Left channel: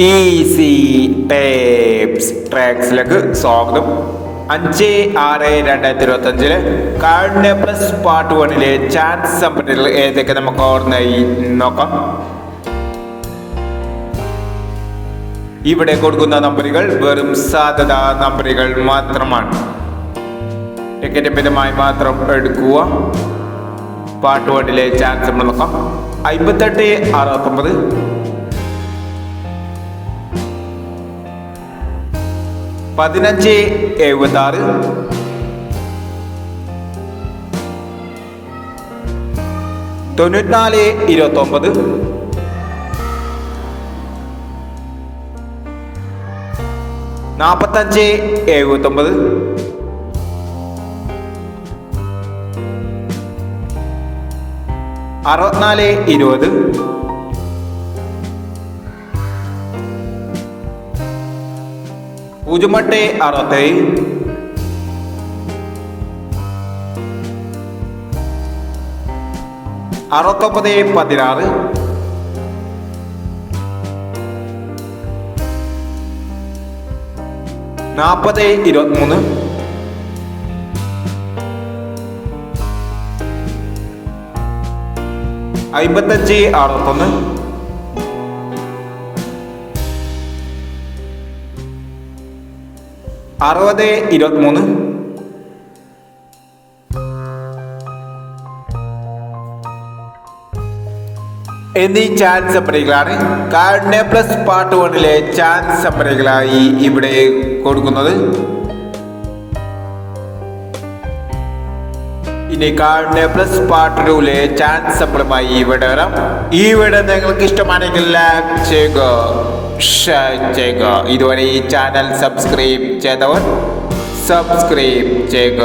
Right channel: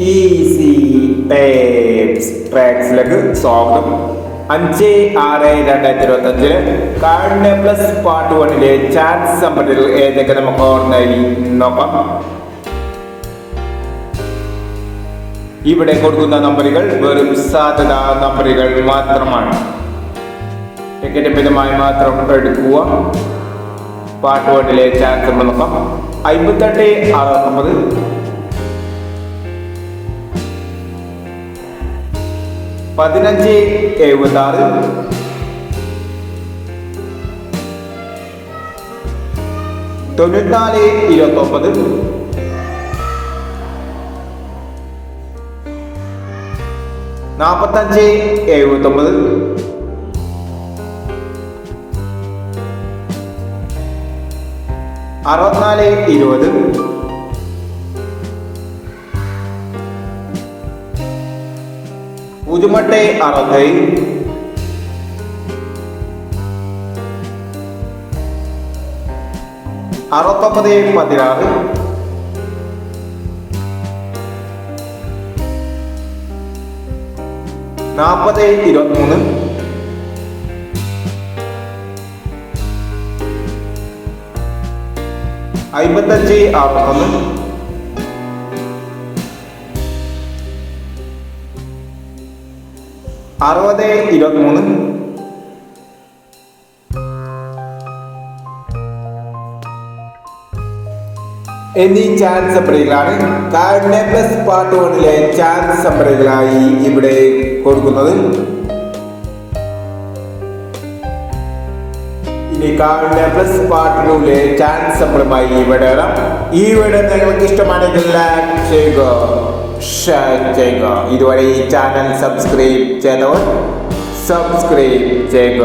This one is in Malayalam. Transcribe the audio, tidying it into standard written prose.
ഈസി ടേപ്സ് ട്രാക്സിലേക്ക് സ്വാഗതം. 5/6/2025 കാർഡിനെ പ്ലസ് പാർട്ട് 1 ചാൻസ് നമ്പറുകൾ ഏതൊക്കെ നമുക്ക് ഓർമ്മയായി നോക്കാം. ഇവിടെ കൊടുക്കുന്ന നമ്പറുകൾ വെറും സാധ്യത നമ്പറുകൾ മാത്രമാണ്. ടിക്കറ്റ് മിതമായി മാത്രം എടുക്കുക. പാർട്ട് 1 ചാൻസ് നോക്കാം. 58/69, 15/76, 94/29, 45/79, 64/20, 0/67, 69/16, 40/23, 55/61, 60/23, എന്നീ ചാൻസ് നമ്പറുകളാണ് കാർഡിനെ പ്ലസ് പാർട്ട് 1 ചാൻസ് നമ്പറുകളായി ഇവിടെ കൊടുക്കുന്നത്. ഇനി കാർഡിനെ പ്ലസ് പാർട്ട് 2 ചാൻസ് നമ്പറുമായി ഇവിടെ വരാം. ഈ വീഡിയോ നിങ്ങൾക്ക് ഇഷ്ടമാണെങ്കിൽ ലൈക്ക് ചെയ്യുക, ഷെയർ ചെയ്യുക. ഇതുവരെ ഈ ചാനൽ സബ്സ്ക്രൈബ് ചെയ്തവർ സബ്സ്ക്രൈബ് ചെയ്യുക.